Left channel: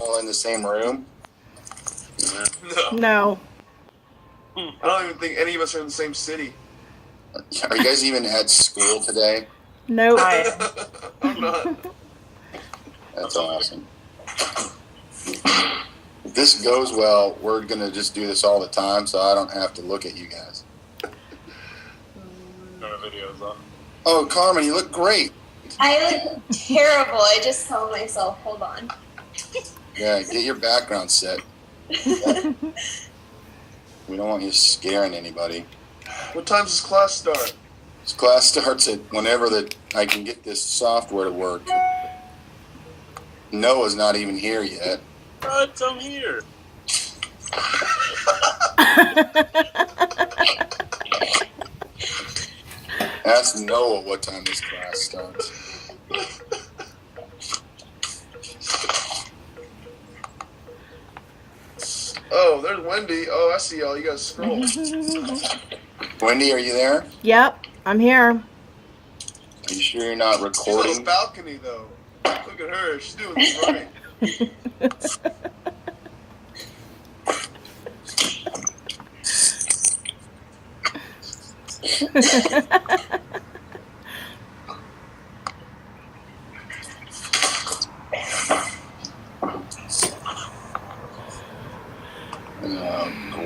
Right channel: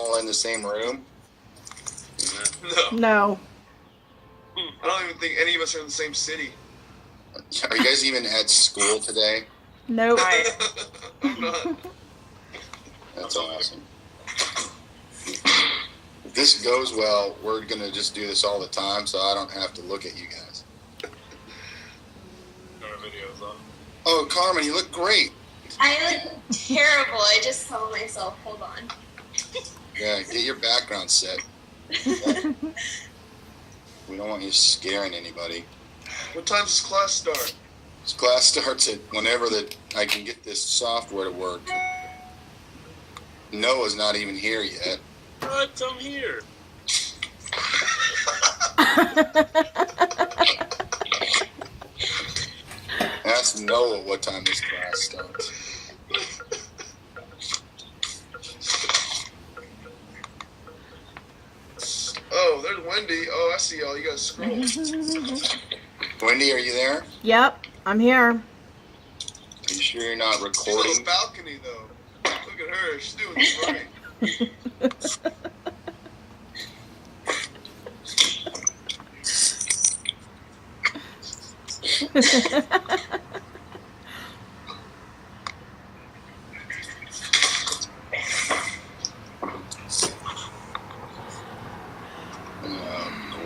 all in the same room? No. I don't even think any of us are in the same city. Are you guys even at school today? Nope. I'm not. That's awesome. If this goes well, we're going to just do this all the time, so I don't have to look at you guys. Our video's on. Oh, Carmen, you look great. I look terrible. I just saw myself. Hold on. Yeah, get your background set. We don't want you scaring anybody. What time does class start? This class starts at whenever that I can get this software to work. Noah's not even here yet. What? I'm here. Ask Noah what time this class starts. Oh, there's Wendy. Oh, I see y'all. You gotta scroll. Wendy, are you there? Yep, I'm here. Are you sure you're not She's on recording? the balcony, though. Look at her. She's doing this right.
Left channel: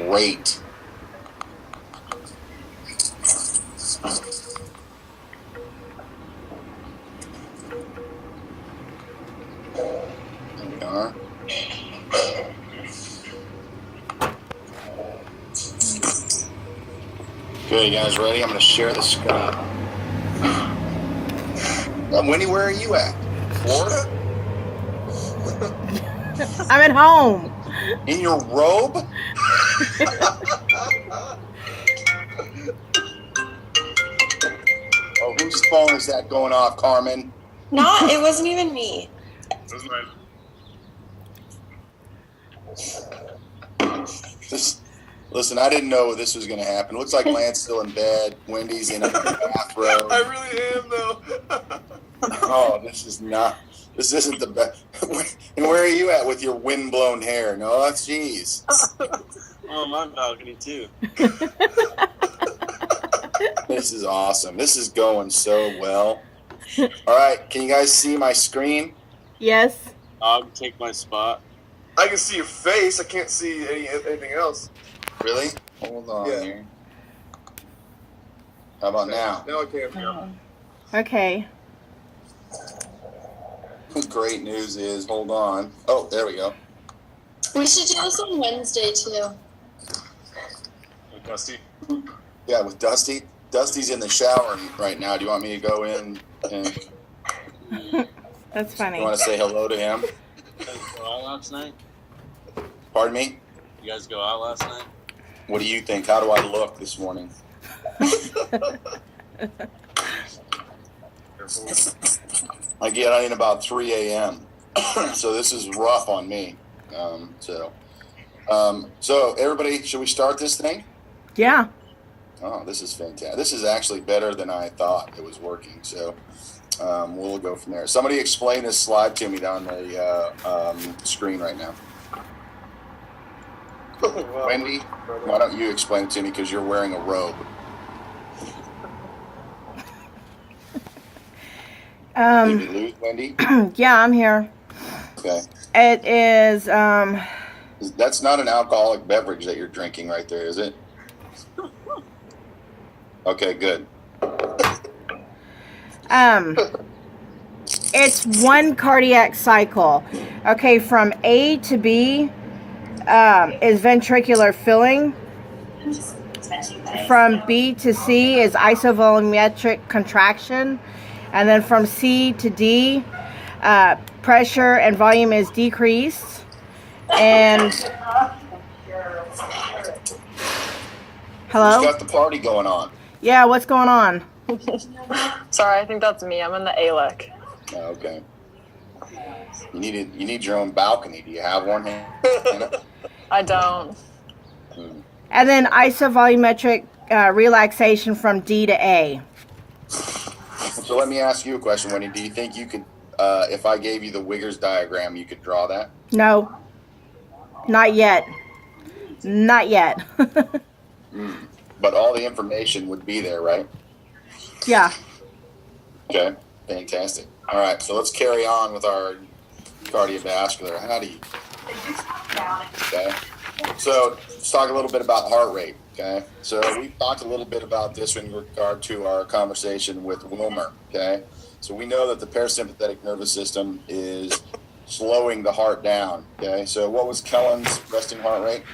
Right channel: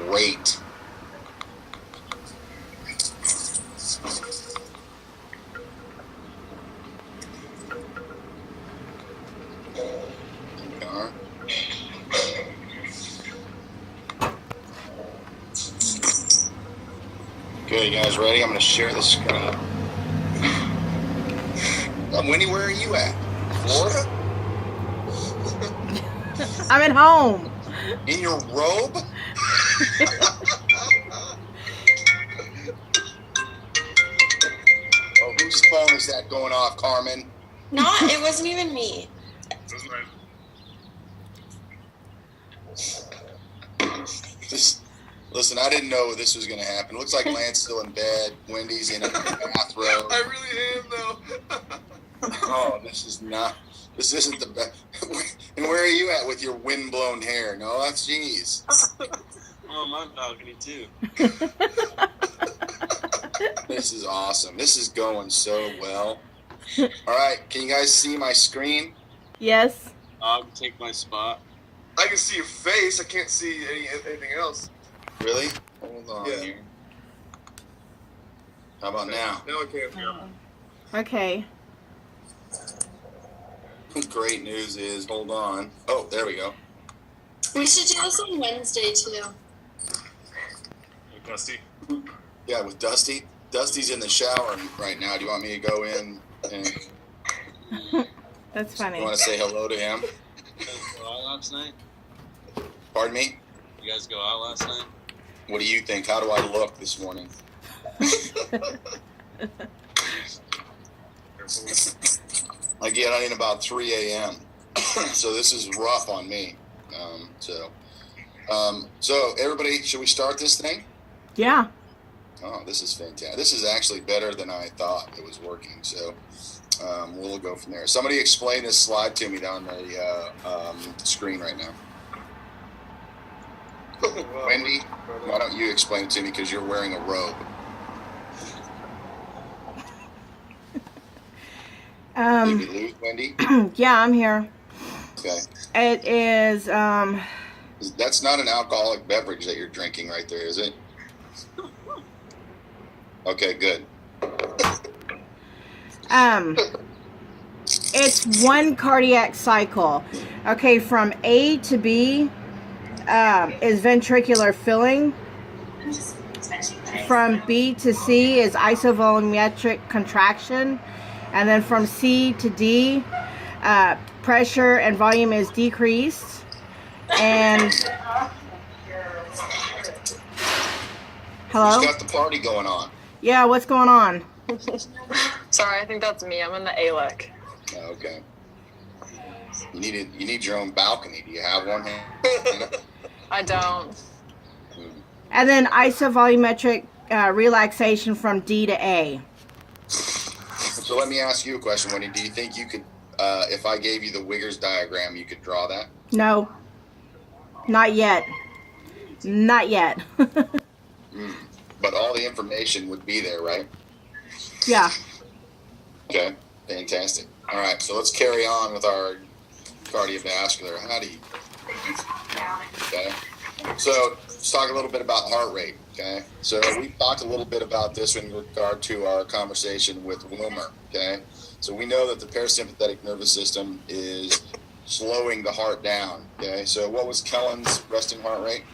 Great. There we are. Okay, you guys ready? I'm going to share the screen. Wendy, where are you at? Florida? I'm at home. In your robe? Oh, whose phone is that going off, Carmen? It wasn't even me. That's right. Listen, I didn't know this was going to happen. Looks like Lance's still in bed. Wendy's in a bathrobe. I really am, though. Oh, this isn't the best. And where are you at with your wind-blown hair? No, that's jeez. Oh, my balcony, too. This is awesome. This is going so well. All right, can you guys see my screen? Yes. I'll take my spot. I can see your face. I can't see anything else. Really? Hold on Yeah. here. How about now? Now I can't. Yeah. Okay. Great news is, hold on. Oh, there we go. We should do this on Wednesday, too. Hey, Dusty. Yeah, with Dusty. Dusty's in the shower right now. Do you want me to go in and That's funny. you want to say hello to him? You guys go out last night? Pardon me? You guys go out last night? What do you think? How do I look this morning? I get on in about 3 a.m. So this is rough on me. So everybody, should we start this thing? Yeah. Oh, this is fantastic. This is actually better than I thought it was working. So we'll go from there. Somebody explain this slide to me down the screen right now. Wow. Wendy, why don't you explain it to me because you're wearing a robe? Did we lose Wendy? Yeah, I'm here. Okay. It is, That's not an alcoholic beverage that you're drinking right there, is it? Okay, good. it's one cardiac cycle. Okay, from A to B is ventricular filling. From B to C is isovolumetric contraction. And then from C to D, pressure and volume is decreased. And hello? Who's got the party going on? Yeah, what's going on? Sorry, I think that's me. I'm in the ALEC. Oh, okay. You need your own balcony. Do you have one? I don't. And then isovolumetric relaxation from D to A. So let me ask you a question, Wendy. Do you think you could if I gave you the Wiggers diagram, you could draw that? No, not yet. Not yet. But all the information would be there, right? Yeah. Okay, fantastic. All right, so let's carry on with our cardiovascular. How do you? Okay, so let's talk a little bit about heart rate. Okay, so we talked a little bit about this in regard to our conversation with Wilmer. Okay, so we know that the parasympathetic nervous system is slowing the heart down. Okay, so what was Kellen's resting heart rate?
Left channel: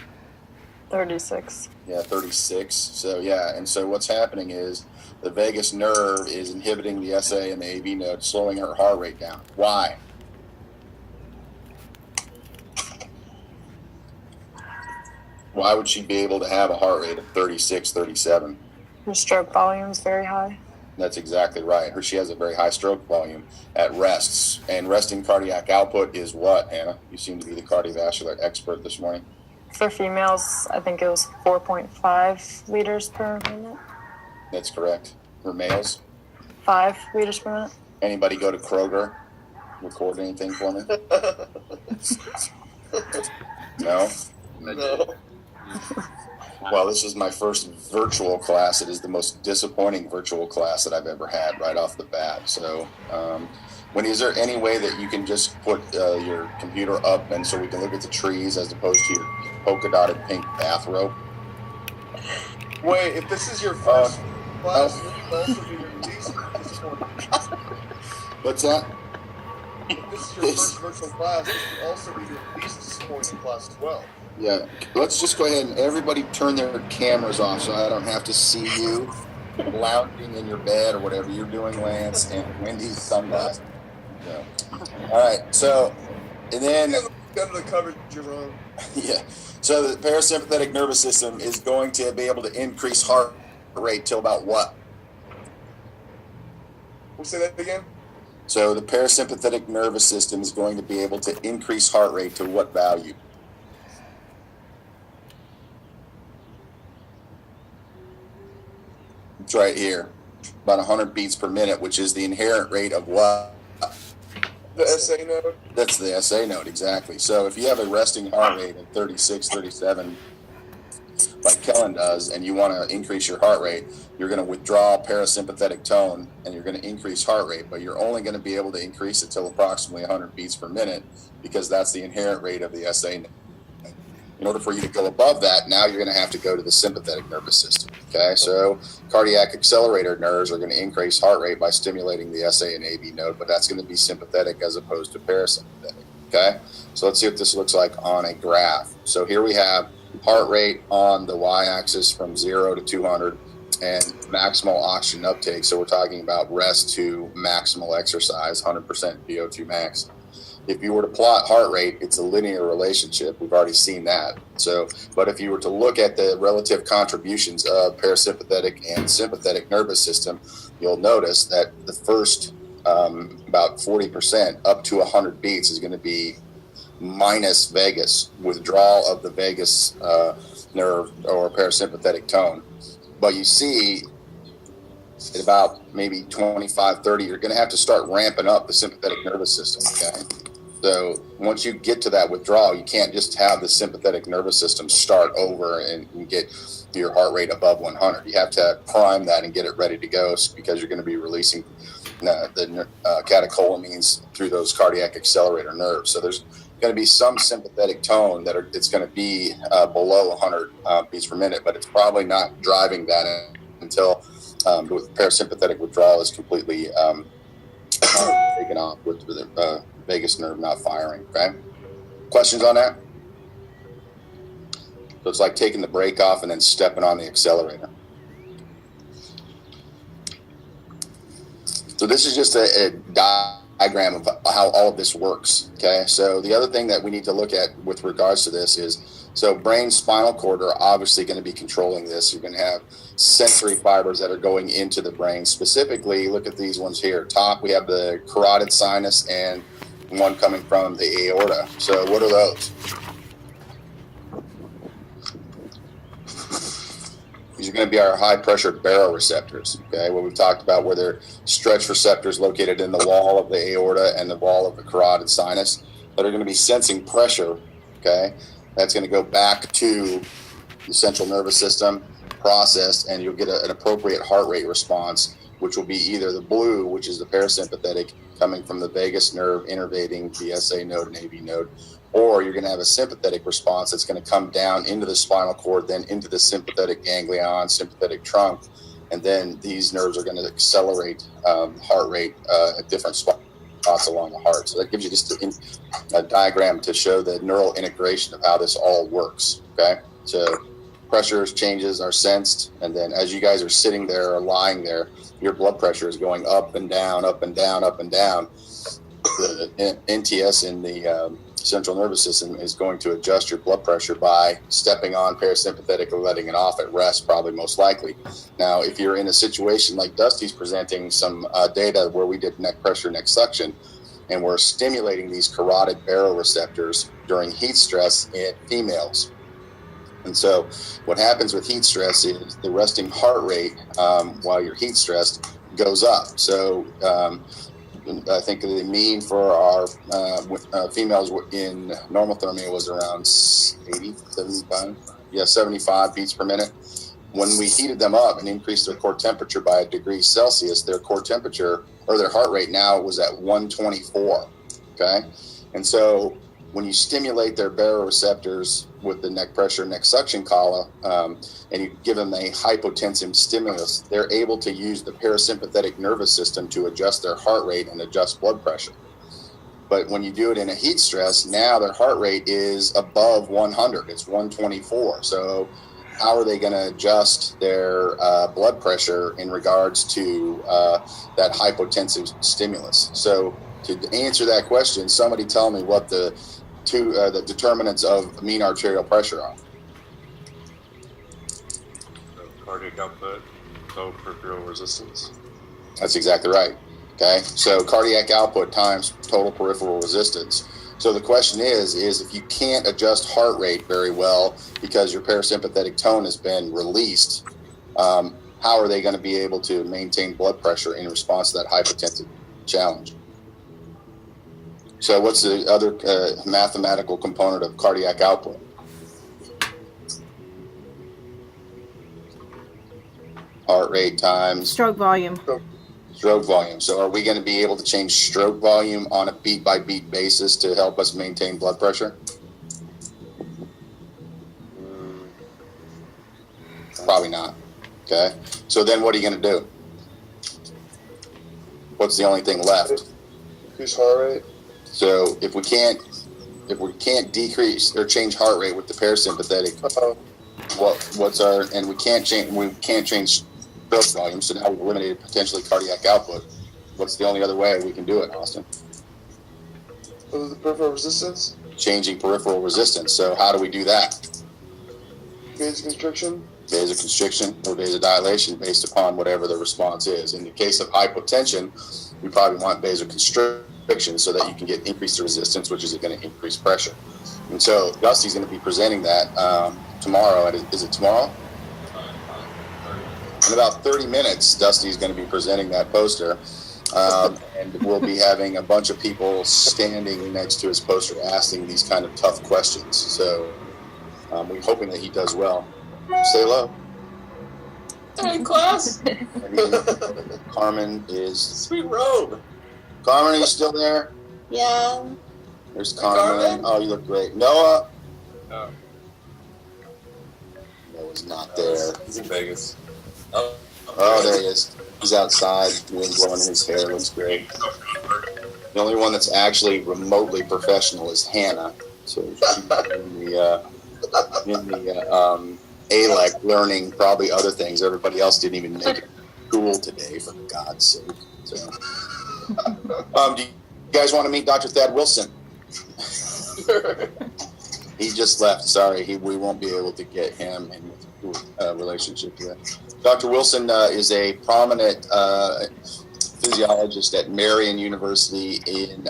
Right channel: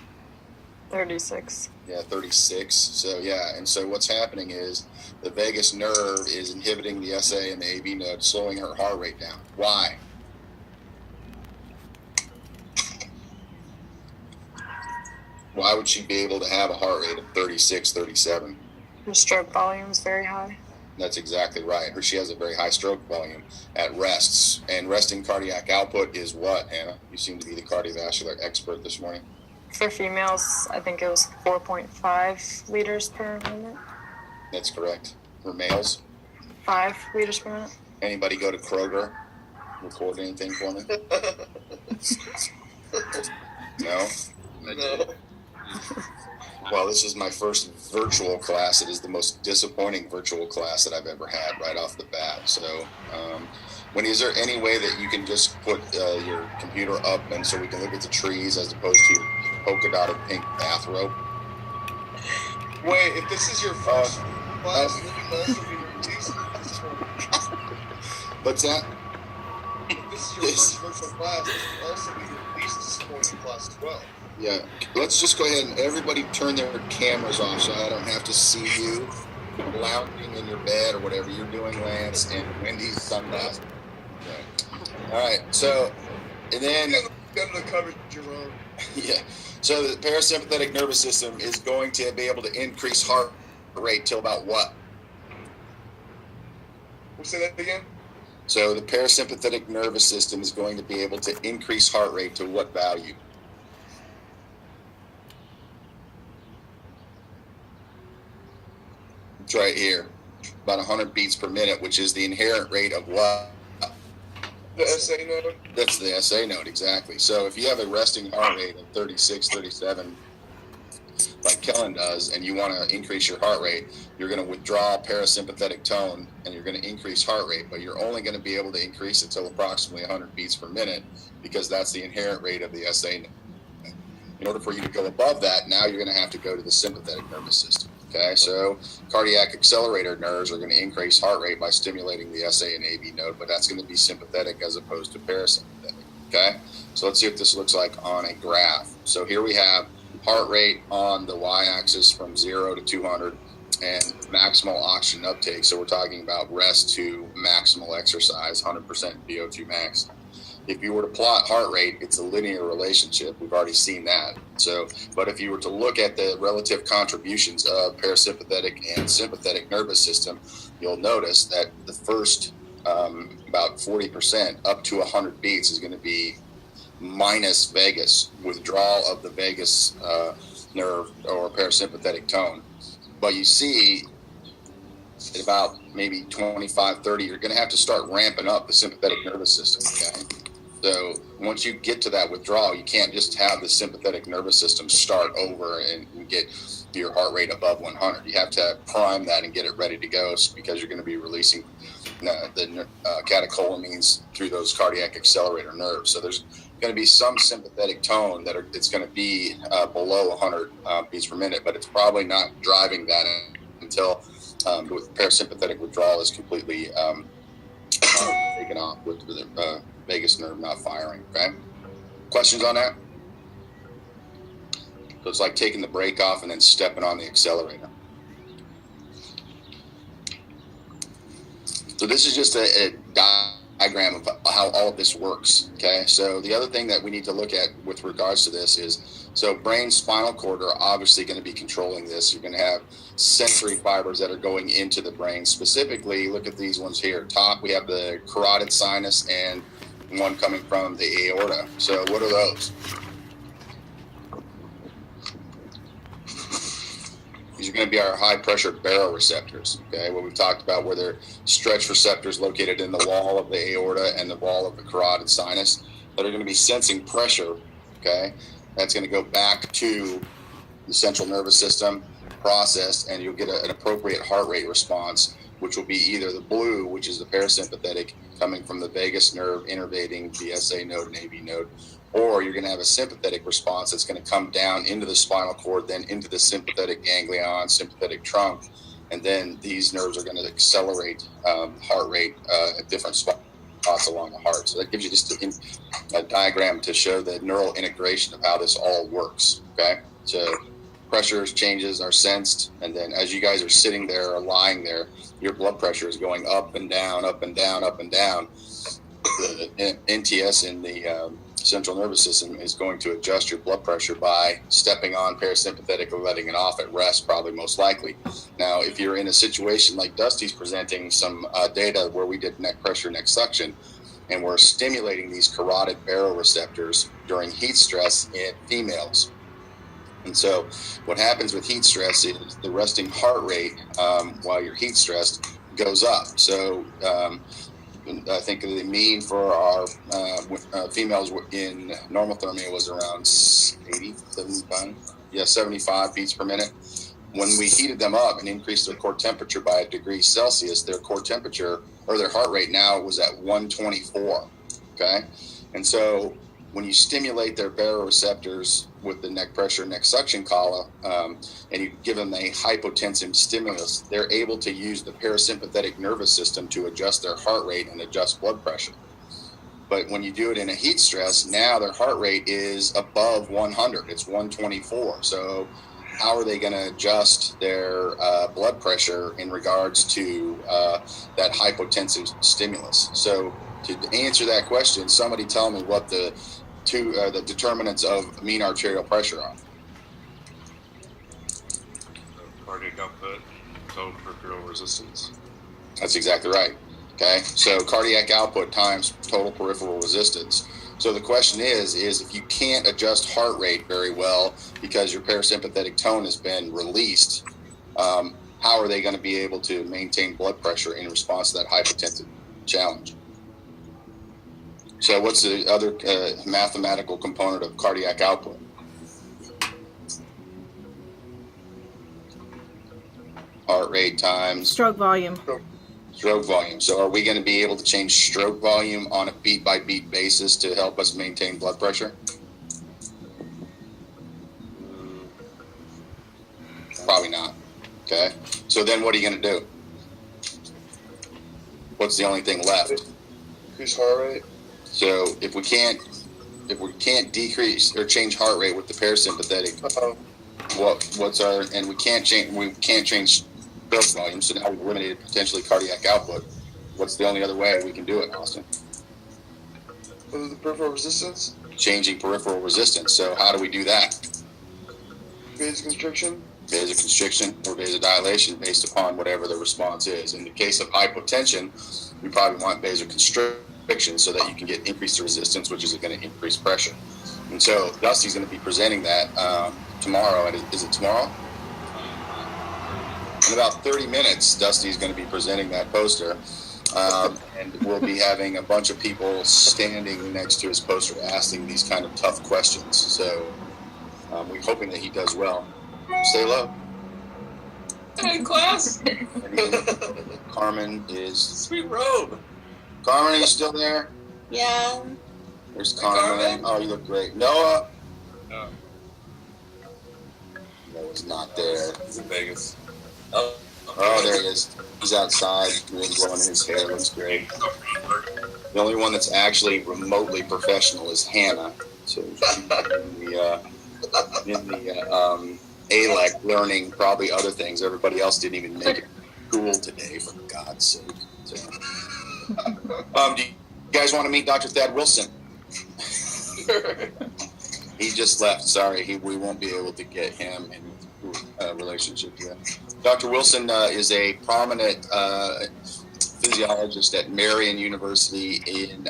36. Yeah, 36. So yeah, and so what's happening is the vagus nerve is inhibiting the SA and the AV node, slowing her heart rate down. Why? Why would she be able to have a heart rate of 36, 37? Her stroke volume is very high. That's exactly right. She has a very high stroke volume at rests. And resting cardiac output is what, Hannah? You seem to be the cardiovascular expert this morning. For females, I think it was 4.5 liters per minute. That's correct. For males? 5 liters per minute. Anybody go to Kroger? Record anything for me? No? No. Well, this is my first virtual class. It is the most disappointing virtual class that I've ever had right off the bat. So, is there any way that you can just put your computer up and so we can look at the trees as opposed to your polka dotted pink bathrobe? Wait, if this is your first class, it will also be released this morning. What's that? If this is your first virtual class, this will also be released this morning class as well. Yeah. Let's just go ahead and everybody turn their cameras off so I don't have to see you lounging in your bed or whatever you're doing, Lance, and Wendy's sunglasses. Okay. All right. So, and then Got the coverage, Jerome. yeah. So the parasympathetic nervous system is going to be able to increase heart rate till about what? We'll say that again. So the parasympathetic nervous system is going to be able to increase heart rate to what value? It's right here, about 100 beats per minute, which is the inherent rate of what? The SA node. That's the SA node, exactly. So if you have a resting heart rate of 36, 37, like Kellen does, and you want to increase your heart rate, you're going to withdraw parasympathetic tone and you're going to increase heart rate, but you're only going to be able to increase it till approximately 100 beats per minute because that's the inherent rate of the SA node. In order for you to go above that, now you're going to have to go to the sympathetic nervous system. Okay, so cardiac accelerator nerves are going to increase heart rate by stimulating the SA and AV node, but that's going to be sympathetic as opposed to parasympathetic. Okay, so let's see what this looks like on a graph. So here we have heart rate on the y-axis from 0 to 200 and maximal oxygen uptake. So we're talking about rest to maximal exercise, 100% VO2 max. If you were to plot heart rate, it's a linear relationship. We've already seen that. So, but if you were to look at the relative contributions of parasympathetic and sympathetic nervous system, you'll notice that the first about 40% up to 100 beats is going to be minus vagus, withdrawal of the vagus nerve or parasympathetic tone. But you see at about maybe 25, 30, you're going to have to start ramping up the sympathetic nervous system, okay? So once you get to that withdrawal, you can't just have the sympathetic nervous system start over and get your heart rate above 100. You have to prime that and get it ready to go because you're going to be releasing the catecholamines through those cardiac accelerator nerves. So there's going to be some sympathetic tone it's going to be below 100 beats per minute, but it's probably not driving that until with parasympathetic withdrawal is completely taken off with the vagus nerve not firing. Okay, questions on that? So it's like taking the brake off and then stepping on the accelerator. So this is just a diagram of how all of this works. Okay, so the other thing that we need to look at with regards to this is, so brain spinal cord are obviously going to be controlling this. You're going to have sensory fibers that are going into the brain. Specifically, look at these ones here. Top, we have the carotid sinus and one coming from the aorta. So what are those? These are going to be our high pressure baroreceptors, okay, what we've talked about, where they're stretch receptors located in the wall of the aorta and the wall of the carotid sinus that are going to be sensing pressure, okay. That's going to go back to the central nervous system, processed, and you'll get an appropriate heart rate response, which will be either the blue, which is the parasympathetic coming from the vagus nerve innervating the SA node and AV node, or you're going to have a sympathetic response that's going to come down into the spinal cord, then into the sympathetic ganglion, sympathetic trunk, and then these nerves are going to accelerate heart rate at different spots along the heart. So that gives you just a diagram to show the neural integration of how this all works, okay? So pressures changes are sensed, and then as you guys are sitting there or lying there, your blood pressure is going up and down, up and down, up and down. The NTS in the central nervous system is going to adjust your blood pressure by stepping on parasympathetic or letting it off at rest, probably most likely. Now, if you're in a situation like Dusty's presenting some data where we did neck pressure, neck suction, and we're stimulating these carotid baroreceptors during heat stress in females. And so what happens with heat stress is the resting heart rate while you're heat stressed goes up. So I think the mean for our females in normothermia was around 80, 75. Yeah, 75 beats per minute. When we heated them up and increased their core temperature by 1 degree Celsius, their core temperature or their heart rate now was at 124. Okay. And so when you stimulate their baroreceptors with the neck pressure, neck suction collar, and you give them a hypotensive stimulus, they're able to use the parasympathetic nervous system to adjust their heart rate and adjust blood pressure. But when you do it in a heat stress, now their heart rate is above 100. It's 124. So how are they going to adjust their blood pressure in regards to that hypotensive stimulus? So to answer that question, somebody tell me what the determinants of mean arterial pressure are. Cardiac output, total peripheral resistance. That's exactly right. Okay, so cardiac output times total peripheral resistance. So the question is if you can't adjust heart rate very well because your parasympathetic tone has been released, how are they going to be able to maintain blood pressure in response to that hypotensive challenge? So what's the other mathematical component of cardiac output? Heart rate times Stroke volume. stroke volume. So are we going to be able to change stroke volume on a beat by beat basis to help us maintain blood pressure? Probably not. Okay. So then what are you going to do? What's the only thing left? Increase heart rate. So if we can't decrease or change heart rate with the parasympathetic, what's our, and we can't change stroke volume, so now we've eliminated potentially cardiac output. What's the only other way we can do it, Austin? What is the peripheral resistance? Changing peripheral resistance. So how do we do that? Vasoconstriction. Vasoconstriction or vasodilation based upon whatever the response is. In the case of hypotension, we probably want vasoconstriction so that you can get increased resistance, which is going to increase pressure. And so Dusty's going to be presenting that tomorrow. Is it tomorrow? In about 30 minutes, Dusty's going to be presenting that poster. And we'll be having a bunch of people standing next to his poster asking these kind of tough questions. So we're hoping that he does well. Say hello. Hey, class. Carmen is... Sweet robe. Carmen, are you still there? Yeah. There's Carmen. Carmen? Oh, you look great. Noah? Oh. Noah's not there. He's in Vegas. Oh, there he is. He's outside, wind blowing in his hair. Looks great. The only one that's actually remotely professional is Hannah. So she's in the ALEC learning probably other things. Everybody else didn't even make it cool today, for God's sake. So, do you guys want to meet Dr. Thad Wilson? He just left. Sorry, we won't be able to get him in a relationship yet. Dr. Wilson is a prominent physiologist at Marion University in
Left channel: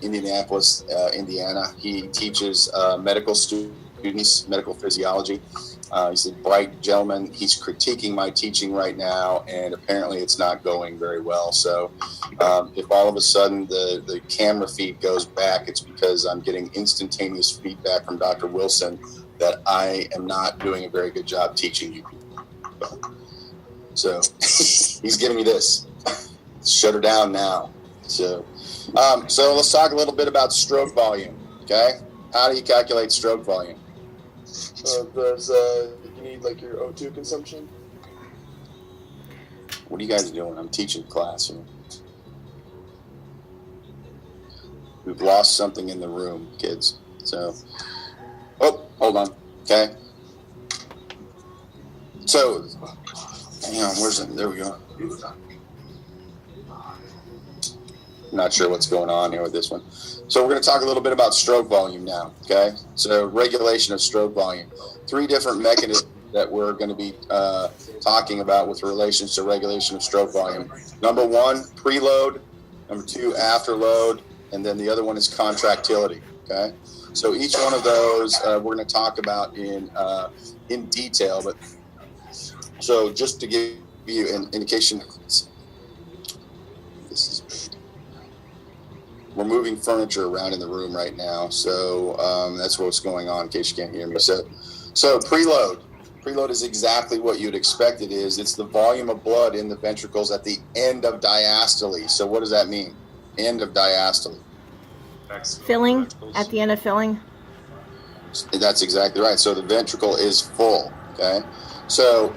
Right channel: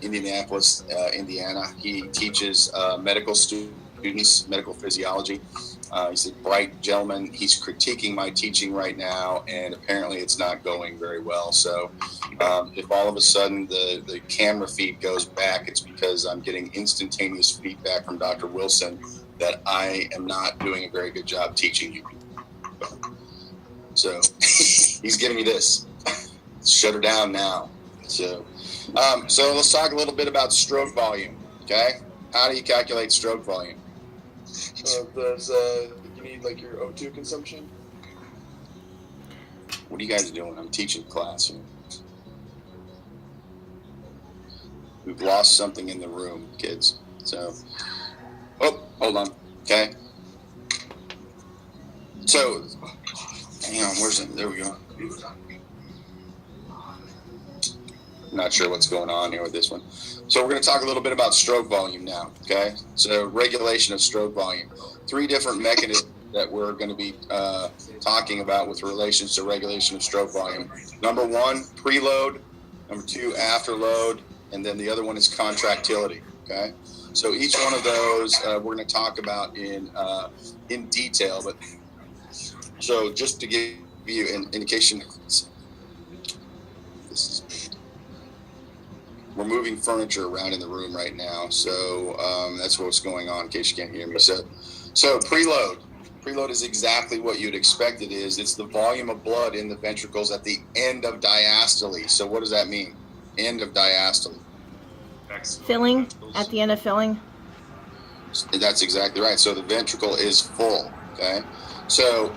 Indianapolis, Indiana. He teaches medical students medical physiology. He's a bright gentleman. He's critiquing my teaching right now, and apparently it's not going very well. So if all of a sudden the camera feed goes back, it's because I'm getting instantaneous feedback from Dr. Wilson that I am not doing a very good job teaching you. So he's giving me this. Shut her down now. So let's talk a little bit about stroke volume. Okay, how do you calculate stroke volume? You need like your O2 consumption? What are you guys doing? I'm teaching class here. We've lost something in the room, kids. So, hold on. Okay. So, hang on. Where's it? There we go. Not sure what's going on here with this one. So we're going to talk a little bit about stroke volume now, okay? So regulation of stroke volume. 3 different mechanisms that we're going to be talking about with relations to regulation of stroke volume. Number 1, preload. Number 2, afterload. And then the other one is contractility, okay? So each one of those we're going to talk about in detail. But so just to give you an indication, we're moving furniture around in the room right now, so that's what's going on. In case you can't hear me, so preload is exactly what you'd expect it is. It's the volume of blood in the ventricles at the end of diastole. So what does that mean? End of diastole. Filling, at the end of filling. That's exactly right. So the ventricle is full. Okay, so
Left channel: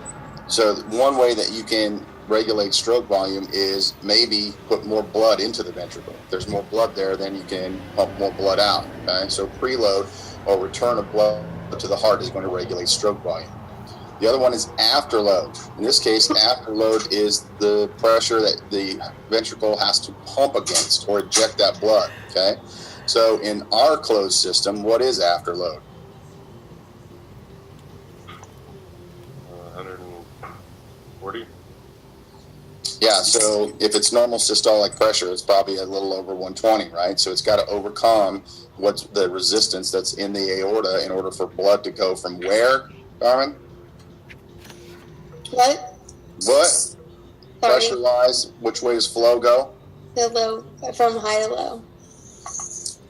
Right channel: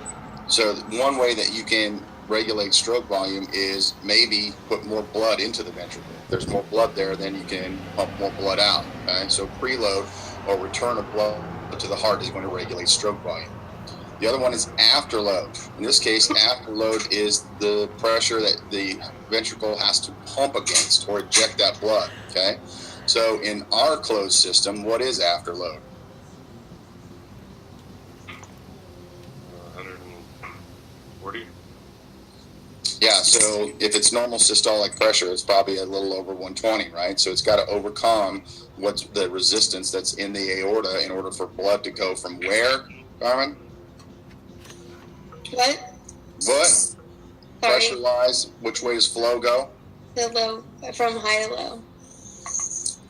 one way that you can regulate stroke volume is maybe put more blood into the ventricle. If there's more blood there, then you can pump more blood out. Okay, so preload or return of blood to the heart is going to regulate stroke volume. The other one is afterload. In this case, afterload is the pressure that the ventricle has to pump against or eject that blood. Okay, so in our closed system, what is afterload? 140. Yeah, so if it's normal systolic pressure, it's probably a little over 120, right? So it's got to overcome what's the resistance that's in the aorta in order for blood to go from where, Carmen? What? What? Pressure-wise, which way does flow go? The low, from high to low.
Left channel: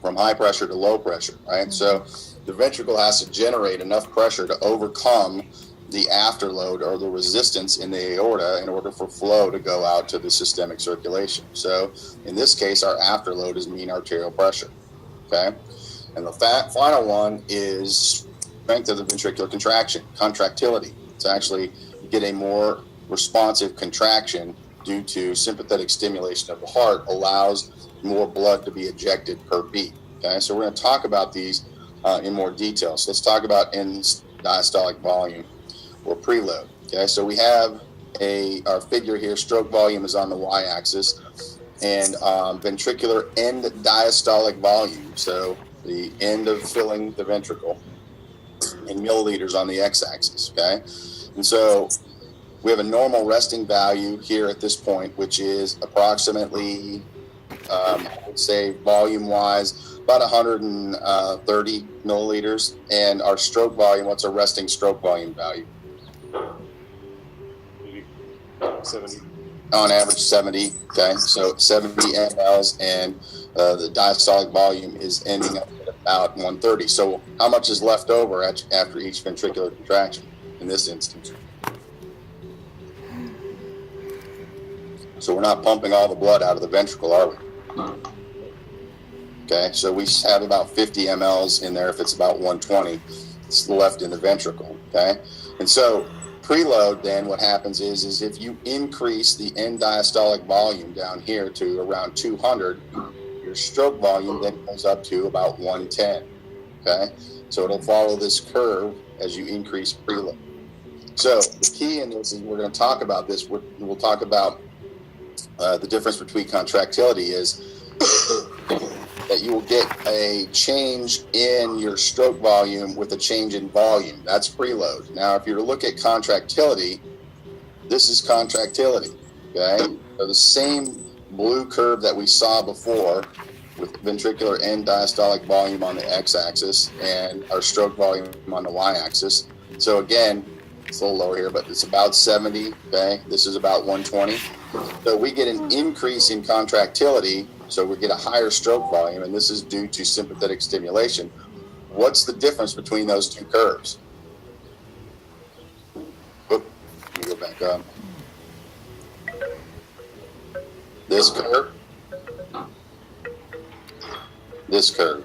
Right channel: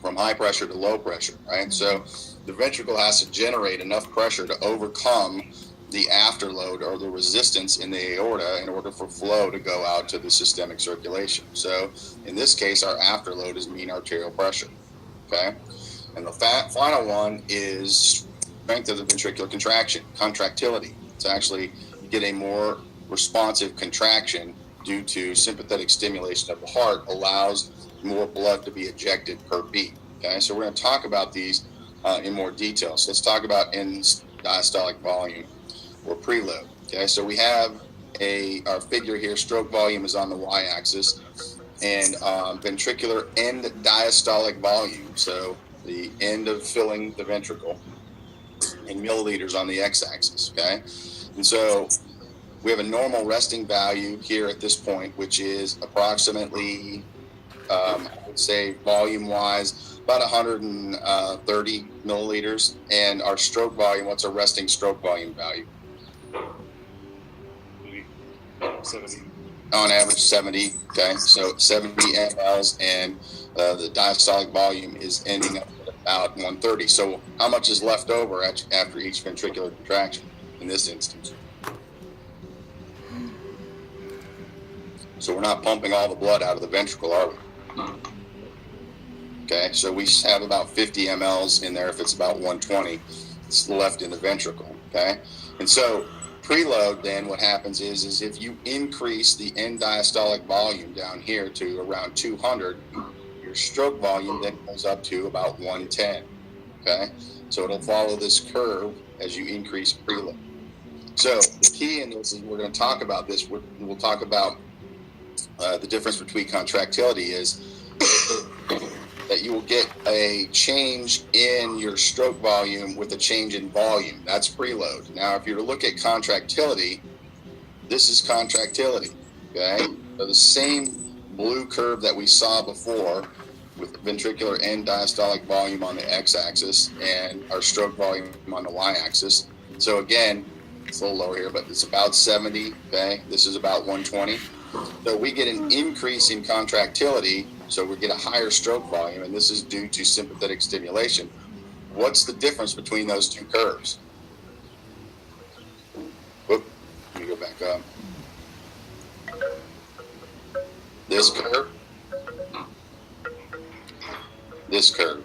From high pressure to low pressure, right? So the ventricle has to generate enough pressure to overcome the afterload or the resistance in the aorta in order for flow to go out to the systemic circulation. So in this case, our afterload is mean arterial pressure, okay? And the final one is strength of the ventricular contraction, contractility. It's actually get a more responsive contraction due to sympathetic stimulation of the heart allows more blood to be ejected per beat, okay? So we're going to talk about these in more detail. So let's talk about end diastolic volume or preload. Okay, so we have our figure here. Stroke volume is on the y-axis, and ventricular end diastolic volume, so the end of filling the ventricle, in milliliters on the x-axis. Okay, and so we have a normal resting value here at this point, which is approximately, I would say, volume-wise, about 130 milliliters. And our stroke volume, what's our resting stroke volume value? 70. On average, 70. Okay, so 70 mLs, and the diastolic volume is ending up at about 130. So how much is left over after each ventricular contraction in this instance? So we're not pumping all the blood out of the ventricle, are we? Okay, so we have about 50 mLs in there. If it's about 120, it's left in the ventricle. Okay, and so preload, then what happens is if you increase the end diastolic volume down here to around 200, your stroke volume then goes up to about 110. Okay, so it'll follow this curve as you increase preload. So the key in this is we're going to talk about this. We'll talk about the difference between contractility is that you will get a change in your stroke volume with a change in volume. That's preload. Now, if you were to look at contractility, this is contractility, okay? So the same blue curve that we saw before with ventricular end diastolic volume on the x-axis and our stroke volume on the y-axis, So again, it's a little lower here, but it's about 70. Okay, this is about 120. So we get an increase in contractility, so we get a higher stroke volume, and this is due to sympathetic stimulation. What's the difference between those two curves? Whoop, let me go back up. This curve, this curve.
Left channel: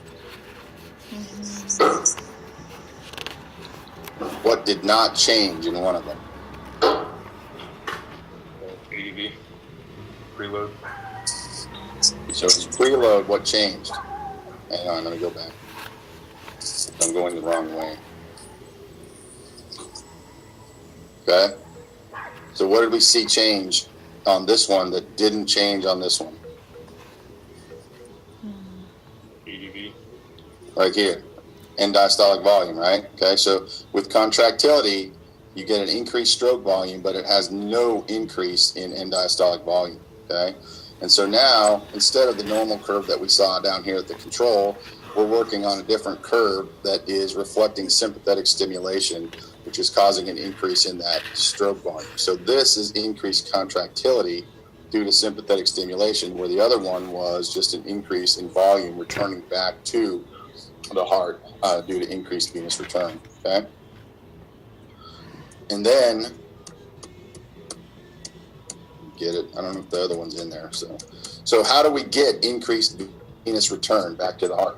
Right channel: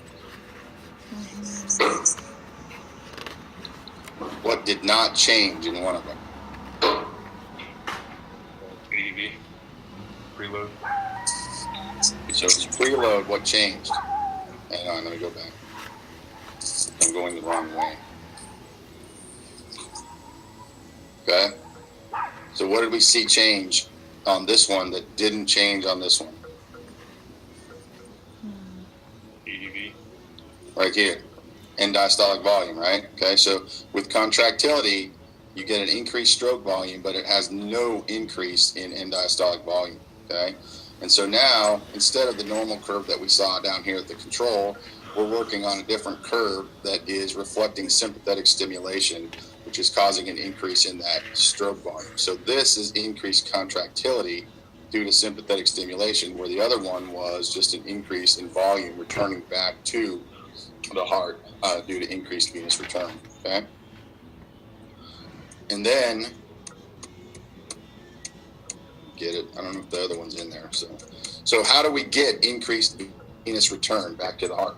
What did not change in one of them? ADV. Preload. So it's preload, what changed? Hang on, let me go back. I'm going the wrong way. Okay. So what did we see change on this one that didn't change on this one? ADV. Right here. End diastolic volume, right? Okay, so with contractility, you get an increased stroke volume, but it has no increase in end diastolic volume, okay? And so now, instead of the normal curve that we saw down here at the control, we're working on a different curve that is reflecting sympathetic stimulation, which is causing an increase in that stroke volume. So this is increased contractility due to sympathetic stimulation, where the other one was just an increase in volume returning back to the heart due to increased venous return, okay? And then, get it, I don't know if the other one's in there. So how do we get increased venous return back to the heart?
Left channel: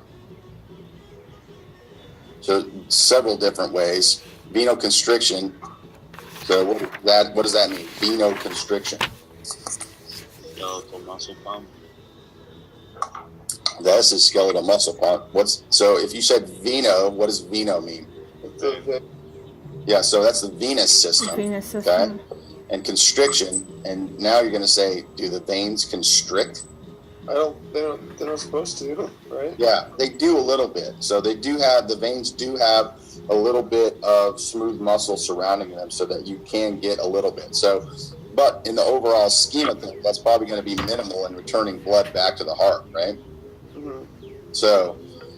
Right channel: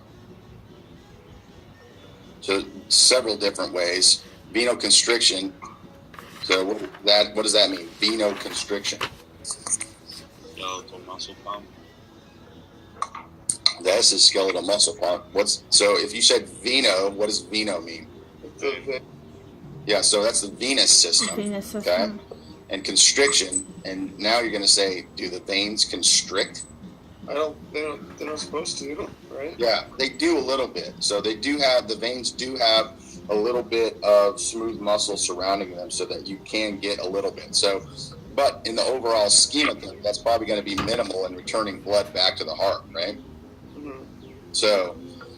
So several different ways. Venoconstriction. So what does that mean? Venoconstriction. Skeletal muscle pump. That's a skeletal muscle pump. So if you said veno, what does veno mean? Yeah, so that's the venous system. Venous system. Okay? And constriction, and now you're going to say, do the veins constrict? They're not supposed to, right? Yeah, they do a little bit. So the veins do have a little bit of smooth muscle surrounding them so that you can get a little bit. So, but in the overall scheme of things, that's probably going to be minimal in returning blood back to the heart, right? Mm-hmm.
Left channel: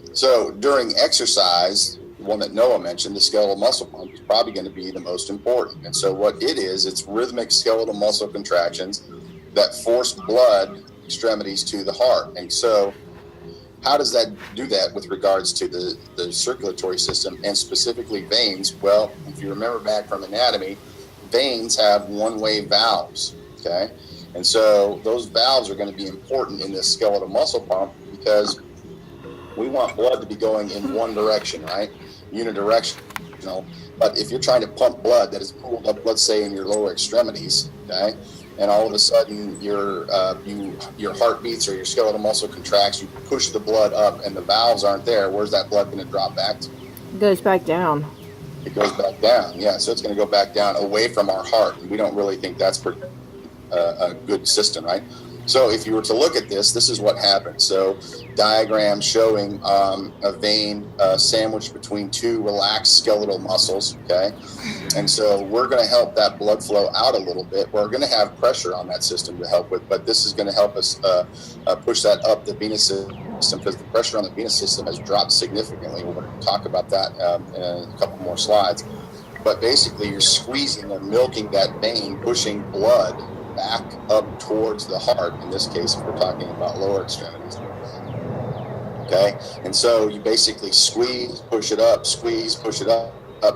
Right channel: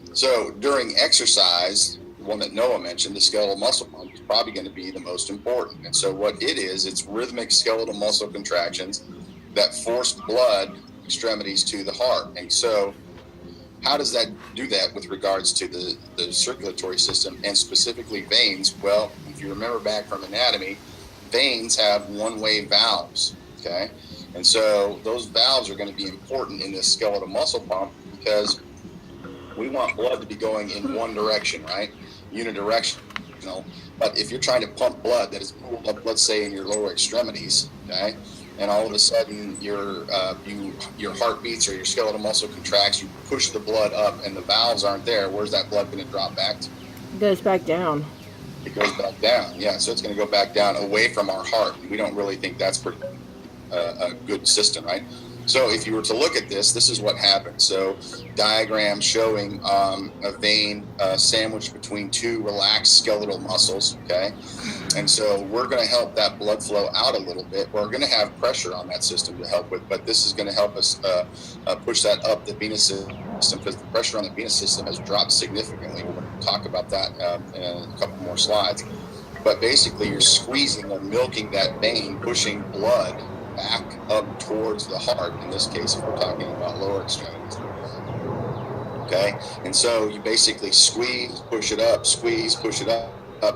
So during exercise, one that Noah mentioned, the skeletal muscle pump is probably going to be the most important. And so what it is, it's rhythmic skeletal muscle contractions that force blood extremities to the heart. And so how does that do that with regards to the circulatory system and specifically veins? Well, if you remember back from anatomy, veins have one-way valves, okay? And so those valves are going to be important in this skeletal muscle pump because we want blood to be going in one direction, right? Unidirectional. But if you're trying to pump blood that is pooled up, let's say in your lower extremities, okay, and all of a sudden your heart beats or your skeletal muscle contracts, you push the blood up and the valves aren't there, where's that blood going to drop back to? It goes back down. It goes back down, yeah. So it's going to go back down away from our heart. And we don't really think that's a good system, right? So if you were to look at this is what happens. So diagram showing a vein sandwiched between two relaxed skeletal muscles, okay? And so we're going to help that blood flow out a little bit. We're going to have pressure on that system to help with, but this is going to help us push that up the venous system because the pressure on the venous system has dropped significantly. We're going to talk about that in a couple more slides. But basically you're squeezing or milking that vein, pushing blood back up towards the heart, in this case, if we're talking about lower extremities. Okay, and so you basically squeeze, push it up,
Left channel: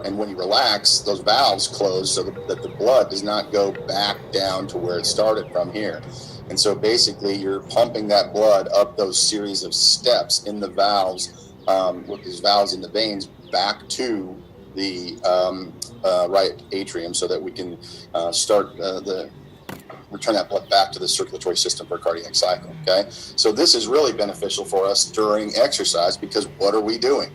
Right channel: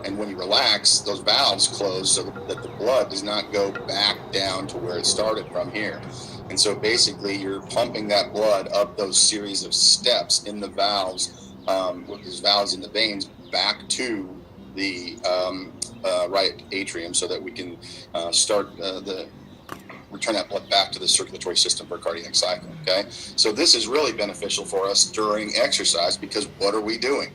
and when you relax, those valves close so that the blood does not go back down to where it started from here. And so basically you're pumping that blood up those series of steps in the valves, with these valves in the veins, back to the right atrium so that we can return that blood back to the circulatory system for cardiac cycle, okay? So this is really beneficial for us during exercise because what are we doing?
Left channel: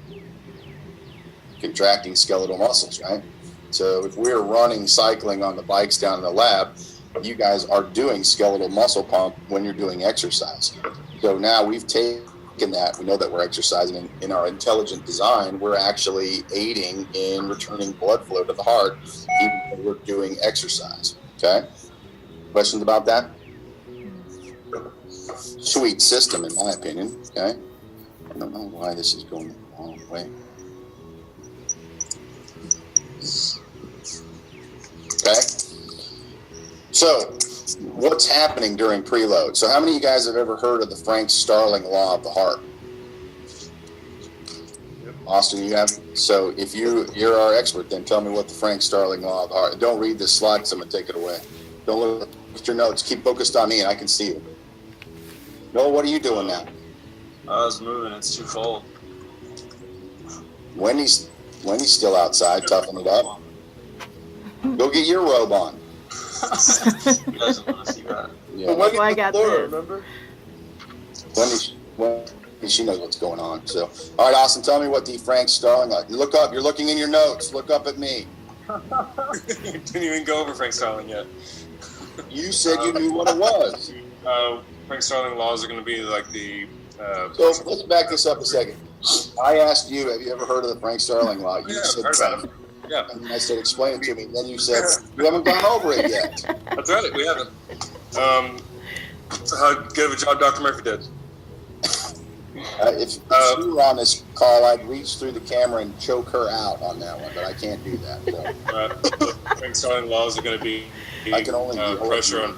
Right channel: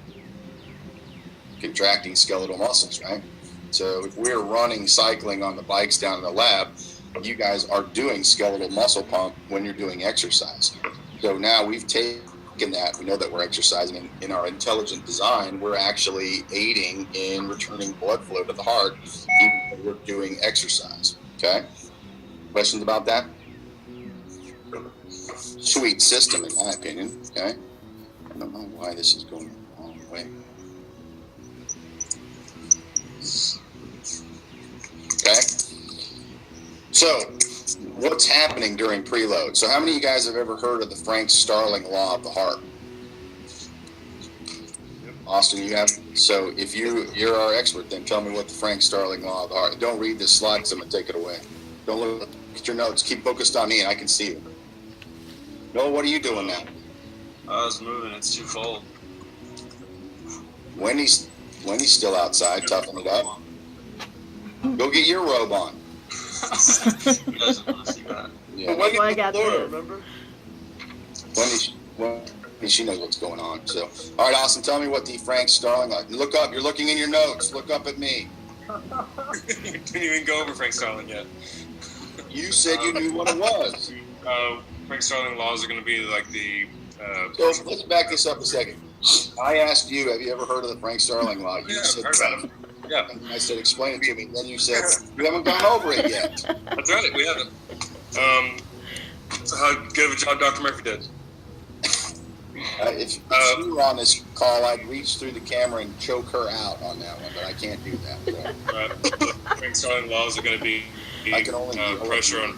Contracting skeletal muscles, right? So if we're running, cycling on the bikes down in the lab, you guys are doing skeletal muscle pump when you're doing exercise. So now we've taken that, we know that we're exercising, and in our intelligent design, we're actually aiding in returning blood flow to the heart even when we're doing exercise, okay? Questions about that? Sweet system, in my opinion. Okay. I don't know why this is going the wrong way. Okay. So what's happening during preload? So how many of you guys have ever heard of the Frank-Starling law of the heart? Austin, you have. So if you're our expert, then tell me what the Frank-Starling law of the heart. Don't read this slide because I'm going to take it away. Don't look at your notes. Keep focused on me and I can see you. Noah, what are you doing now? I was moving. It's too cold. Wendy's still outside, toughing it up. Go get your robe on. You guys don't want to see that. Yeah. But Wendy's Well, I on the got floor, this. remember? Wendy, she knows what's going on. So, all right, Austin, tell me what the Frank-Starling like. Look up. You're looking in your notes. Look up at me. You didn't even go over Frank Starling yet. You said you knew what it was. Frank Starling laws are going to be like the. So let's back this up a second. I asked you, have you ever heard of the Frank-Starling law? You Yeah, said I've heard about it. Yeah, And I said, explain it to me. Then you said, you haven't gone over it yet. that's right. We haven't. So how good of a job Dr. Murphy did. If you were on this call, I'd reach through the camera and choke her out on that one, but I can't do that. So. The Frank Starling laws are going to be I can only pressure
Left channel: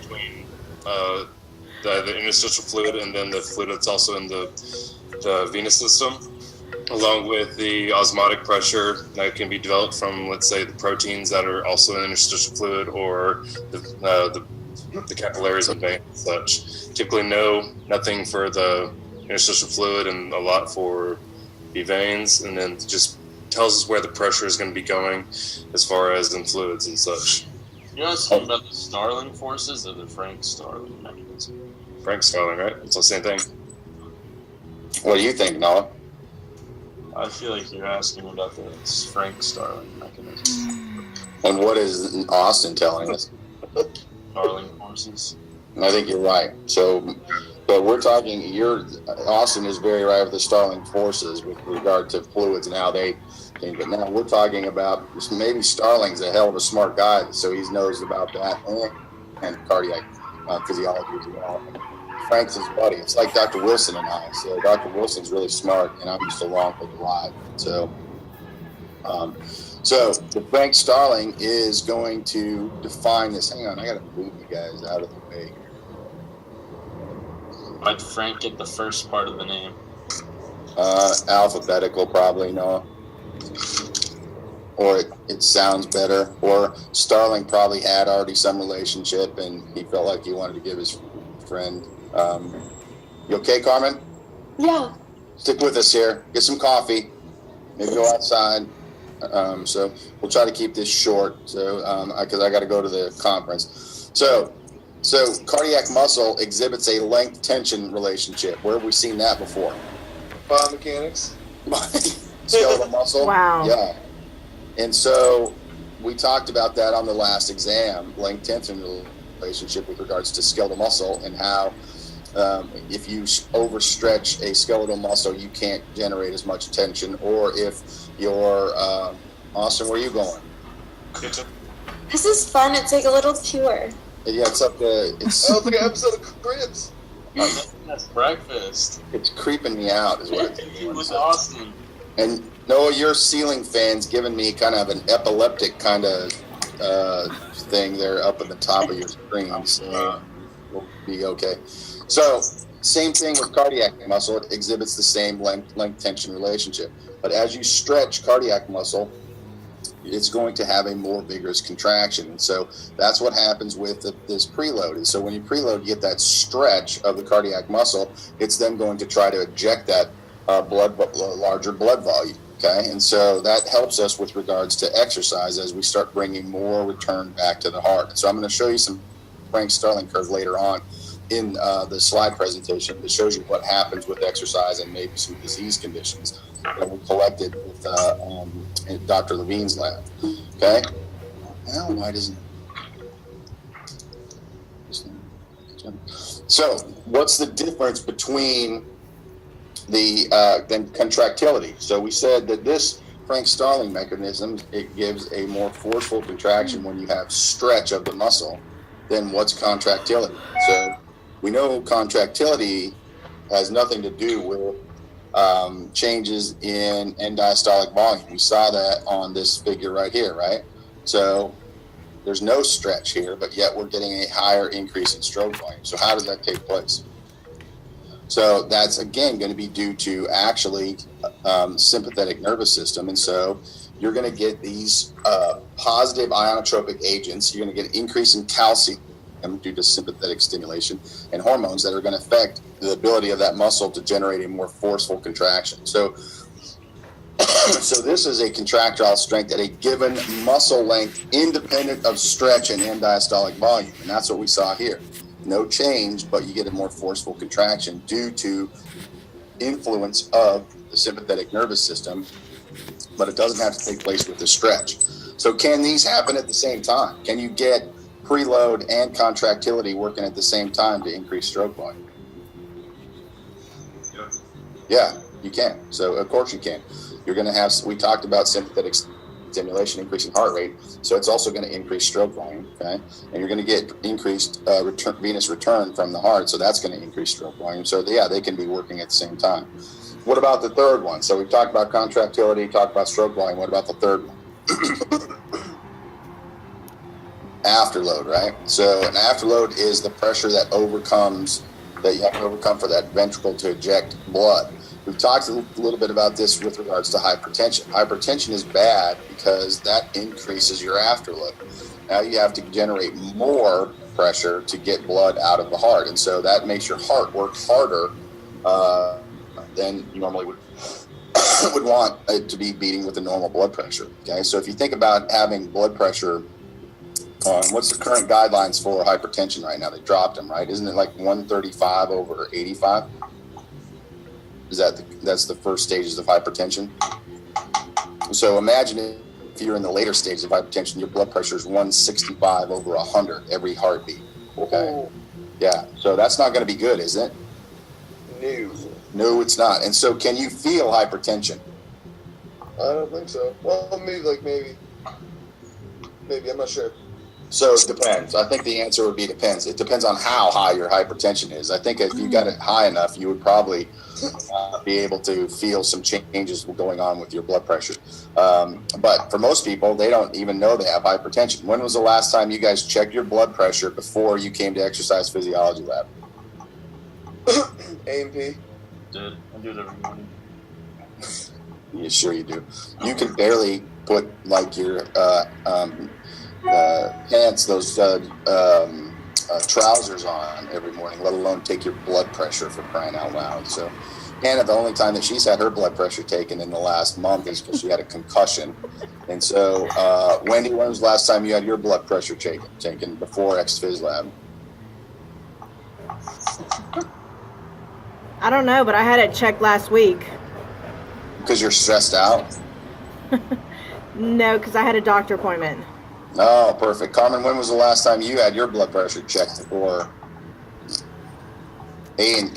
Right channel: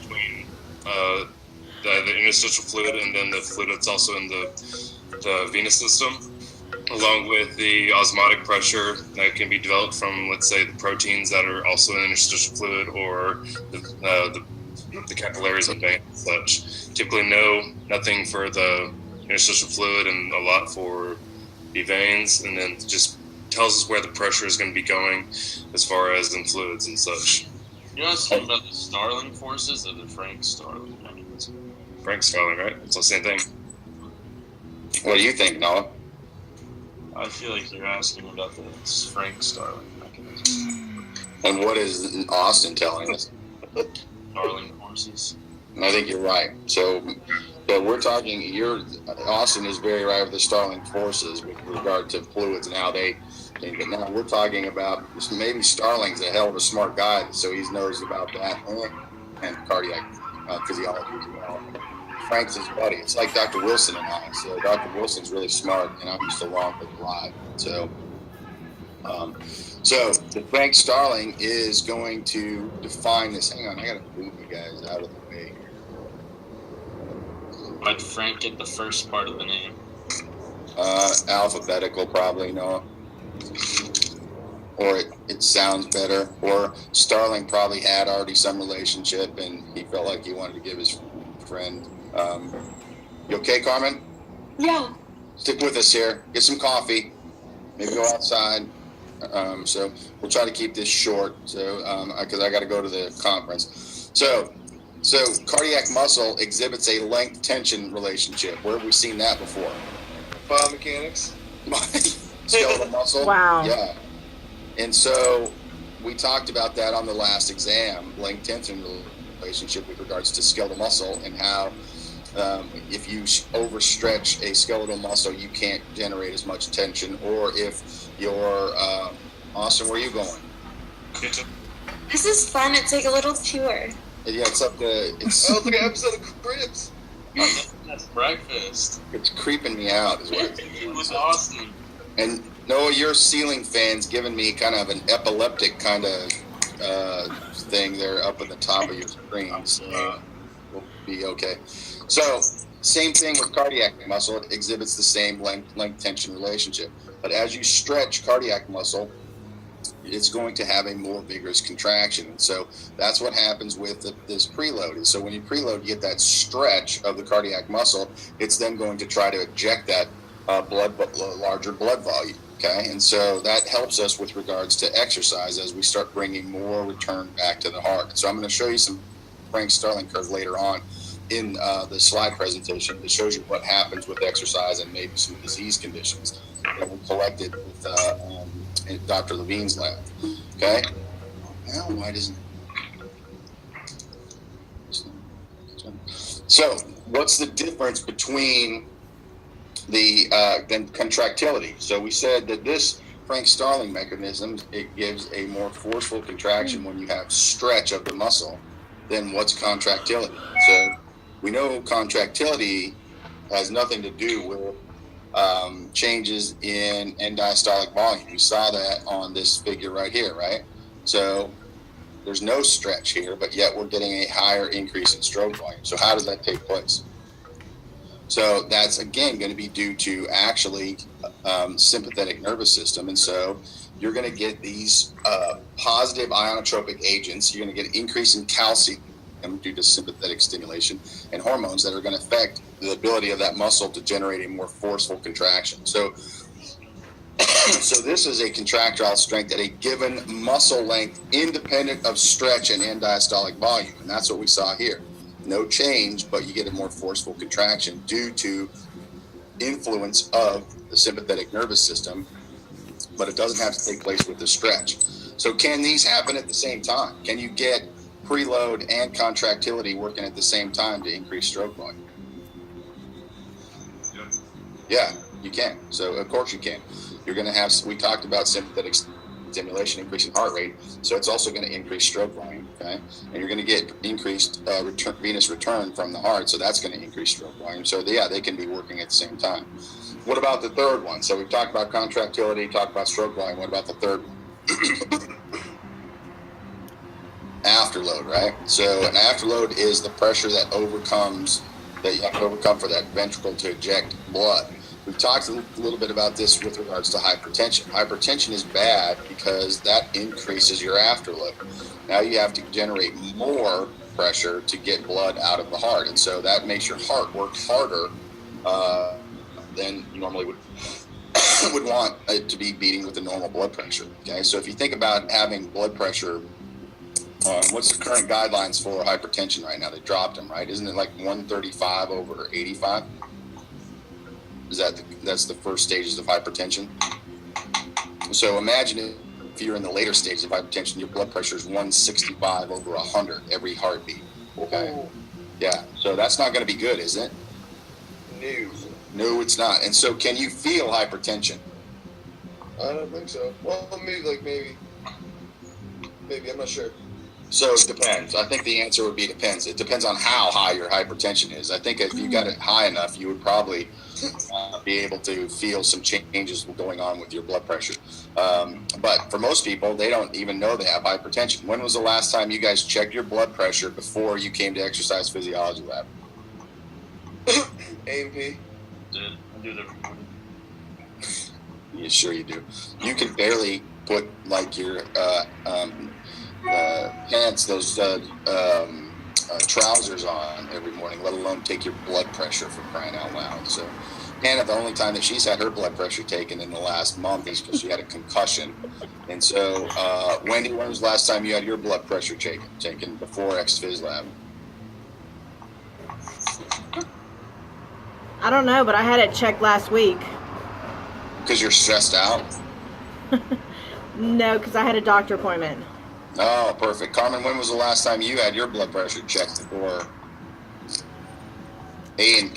between the interstitial fluid and then the fluid that's also in the venous system, along with the osmotic pressure that can be developed from, let's say, the proteins that are also in interstitial fluid or the capillaries and veins and such. Typically, nothing for the interstitial fluid and a lot for the veins, and then just tells us where the pressure is going to be going as far as in fluids and such. You know what's about the Starling forces or the Frank Starling mechanism? Frank Starling, right? It's the same thing. What do you think, Noah? I feel like you're asking about the Frank Starling mechanism. And what is Austin telling us? Starling forces. I think you're right. So we're talking. Austin is very right with the Starling forces with regard to fluids and how they. But now we're talking about maybe Starling's a hell of a smart guy, so he knows about that and cardiac physiology as well. Frank's his buddy. It's like Dr. Wilson and I. So Dr. Wilson's really smart, and I'm just along for the ride. So the Frank Starling is going to define this. Hang on, I got to move you guys out of the way. Why'd Frank get the first part of the name? Alphabetical, probably, no. Or it sounds better. Or Starling probably had already some relationship, and he felt like he wanted to give his friend. You okay, Carmen? Yeah. Stick with us here. Get some coffee. Maybe go outside. So we'll try to keep this short. So because I got to go to the conference. So cardiac muscle exhibits a length tension relationship. Where have we seen that before? Biomechanics. Skeletal muscle. Wow. Yeah. And so we talked about that on the last exam, length tension relationship with regards to skeletal muscle and how if you overstretch a skeletal muscle, you can't generate as much tension. Or if you're, Austin, where are you going? This is fun. It's like a little tour. Yeah, it's up to, it's, Oh, it's like an episode of Cribs. That's breakfast. it's creeping me out is what it's doing. With Austin. And Noah, your ceiling fan's giving me kind of an epileptic kind of thing there up at the top of your screen. So we'll be okay. So same thing with cardiac muscle. It exhibits the same length tension relationship. But as you stretch cardiac muscle, it's going to have a more vigorous contraction. And so that's what happens with this preload. And so when you preload, you get that stretch of the cardiac muscle. It's then going to try to eject that larger blood volume. Okay. And so that helps us with regards to exercise as we start bringing more return back to the heart. So I'm going to show you some Frank Starling curve later on in the slide presentation that shows you what happens with exercise and maybe some disease conditions that we collected with in Dr. Levine's lab. Okay. Now, why doesn't? So, what's the difference between the then contractility? So we said that this Frank Starling mechanism, it gives a more forceful contraction when you have stretch of the muscle than what's contractility. So we know contractility has nothing to do with changes in end diastolic volume. We saw that on this figure right here, right? So There's no stretch here, but yet we're getting a higher increase in stroke volume. So how does that take place? So that's, again, going to be due to actually sympathetic nervous system. And so you're going to get these positive ionotropic agents. You're going to get an increase in calcium due to sympathetic stimulation and hormones that are going to affect the ability of that muscle to generate a more forceful contraction. So this is a contractile strength at a given muscle length independent of stretch and end diastolic volume. And that's what we saw here. No change, but you get a more forceful contraction due to influence of the sympathetic nervous system, but it doesn't have to take place with the stretch. So can these happen at the same time? Can you get preload and contractility working at the same time to increase stroke volume? Yeah, you can. So of course you can. You're going to have, we talked about sympathetic stimulation increasing heart rate, so it's also going to increase stroke volume, okay? And you're going to get increased venous return from the heart, so that's going to increase stroke volume. So yeah, they can be working at the same time. What about the third one? So we've talked about contractility, talked about stroke volume. What about the third one? Afterload, right? So an afterload is the pressure that you have to overcome for that ventricle to eject blood. We've talked a little bit about this with regards to hypertension. Hypertension is bad because that increases your afterload. Now you have to generate more pressure to get blood out of the heart. And so that makes your heart work harder than you normally would want it to be beating with a normal blood pressure. Okay, so if you think about having blood pressure, what's the current guidelines for hypertension right now? They dropped them, right? Isn't it like 135 over 85? That's the first stages of hypertension. So imagine if you're in the later stages of hypertension, your blood pressure is 165 over 100 every heartbeat. Okay. Oh. Yeah. So that's not going to be good, is it? No, it's not. And so can you feel hypertension? I don't think so. Well, maybe. I'm not sure. So it depends. I think the answer would be depends. It depends on how high your hypertension is. I think if you got it high enough, you would probably be able to feel some changes going on with your blood pressure. But for most people, they don't even know they have hypertension. When was the last time you guys checked your blood pressure before you came to exercise physiology lab? A&P. I do it every morning. Yeah, sure you do. You can barely put like your pants, those trousers on every morning, let alone take your blood pressure, for crying out loud. So Hannah, the only time that she's had her blood pressure taken in the last month is because she had a concussion. And so Wendy, when was the last time you had your blood pressure taken before Exphys lab? I don't know, but I had it checked last week. Because you're stressed out? No, because I had a doctor appointment. Oh, perfect. Carmen, when was the last time you had your blood pressure checked for A&P?